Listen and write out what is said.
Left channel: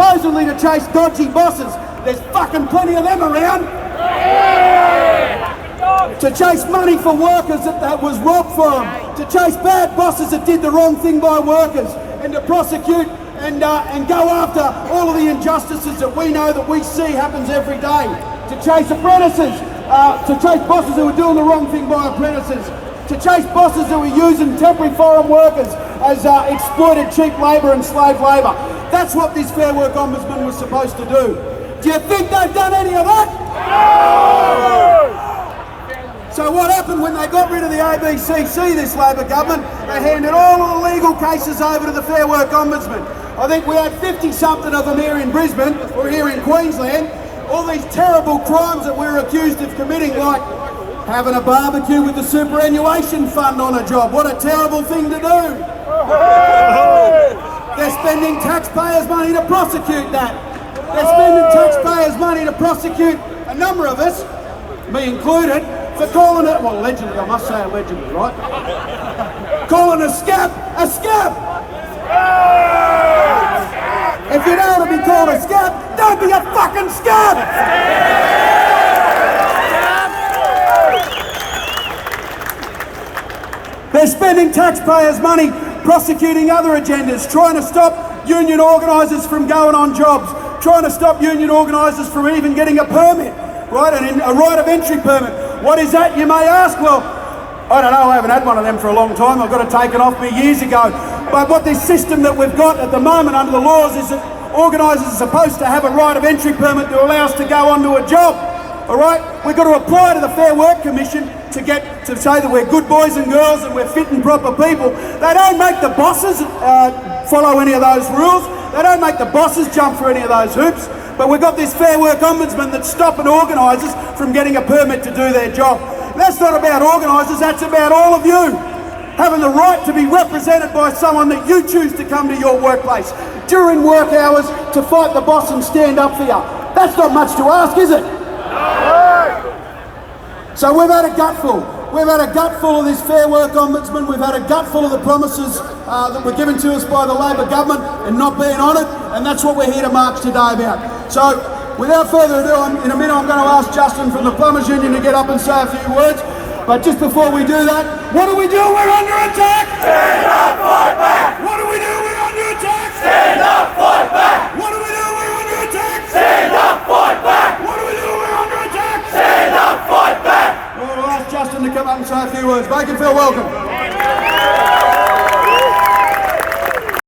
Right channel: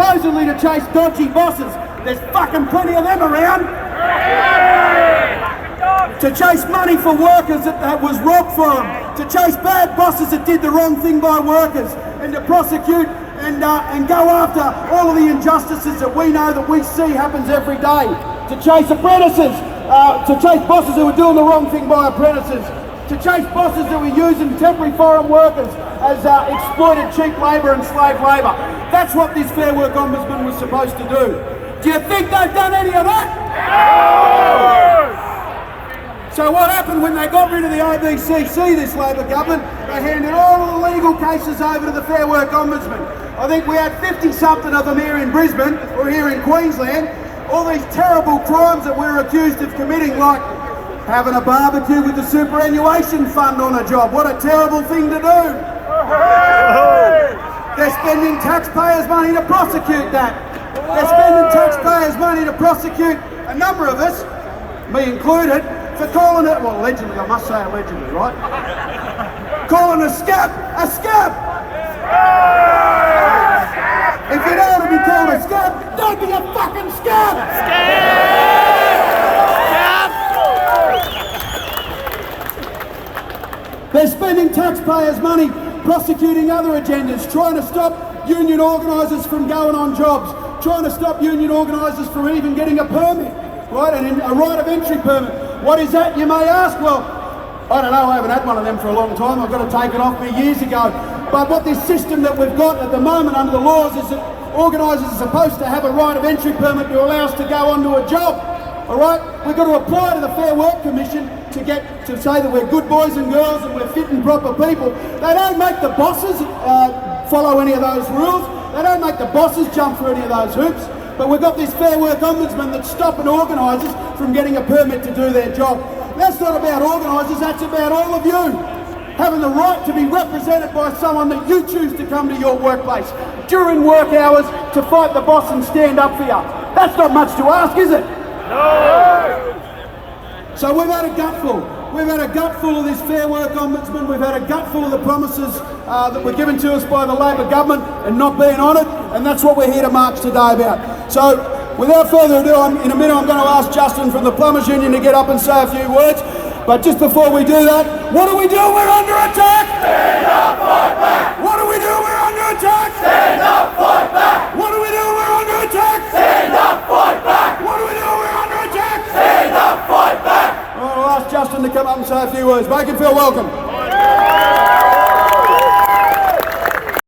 supposedly to chase dodgy bosses. There's fucking plenty of them around. To chase money for workers that was robbed for them. To chase bad bosses that did the wrong thing by workers. And to prosecute and go after all of the injustices that we know that we see happens every day. To chase apprentices. To chase bosses who are doing the wrong thing by apprentices. To chase bosses that were using temporary foreign workers as exploited cheap labour and slave labour. That's what this Fair Work Ombudsman was supposed to do. Do you think they've done any of that? No! So what happened when they got rid of the ABCC, this Labor government? They handed all of the legal cases over to the Fair Work Ombudsman. I think we had 50-something of them here in Brisbane, or here in Queensland. All these terrible crimes that we're accused of committing, like having a barbecue with the superannuation fund on a job. What a terrible thing to do. They're spending taxpayers' money to prosecute that. They're spending taxpayers' money to prosecute a number of us, me included, for calling it, well, allegedly, I must say allegedly, right? Calling a scab a scab. If you don't want to be called a scab, don't be a fucking scab. They're spending taxpayers' money prosecuting other agendas, trying to stop union organisers from going on jobs, trying to stop union organisers from even getting a permit, right? A right of entry permit. What is that, you may ask? Well, I don't know, I haven't had one of them for a long time. I got it taken off me years ago. But what this system that we've got at the moment under the laws is that organisers are supposed to have a right of entry permit to allow us to go onto a job. All right, we've got to apply to the Fair Work Commission to say that we're good boys and girls and we're fit and proper people. They don't make the bosses follow any of those rules. They don't make the bosses jump through any of those hoops. But we've got this Fair Work Ombudsman that's stopping organisers from getting a permit to do their job. That's not about organisers, that's about all of you having the right to be represented by someone that you choose to come to your workplace during work hours to fight the boss and stand up for you. That's not much to ask, is it? No. So we've had a gutful. We've had a gutful of this Fair Work Ombudsman. We've had a gutful of the promises that were given to us by the Labor government and not being honoured, and that's what we're here to march today about. So without further ado, in a minute I'm going to ask Justin from the Plumbers Union to get up and say a few words. But just before we do that, what do we do? We're under attack! Stand up, fight back! What do we do? We're under attack! Stand up, fight back! What do we do? We're under attack! Stand up, fight back! What do we do? We're under attack! Stand up, fight back! All right, I'll ask Justin to come up and say a few words. Make him feel welcome.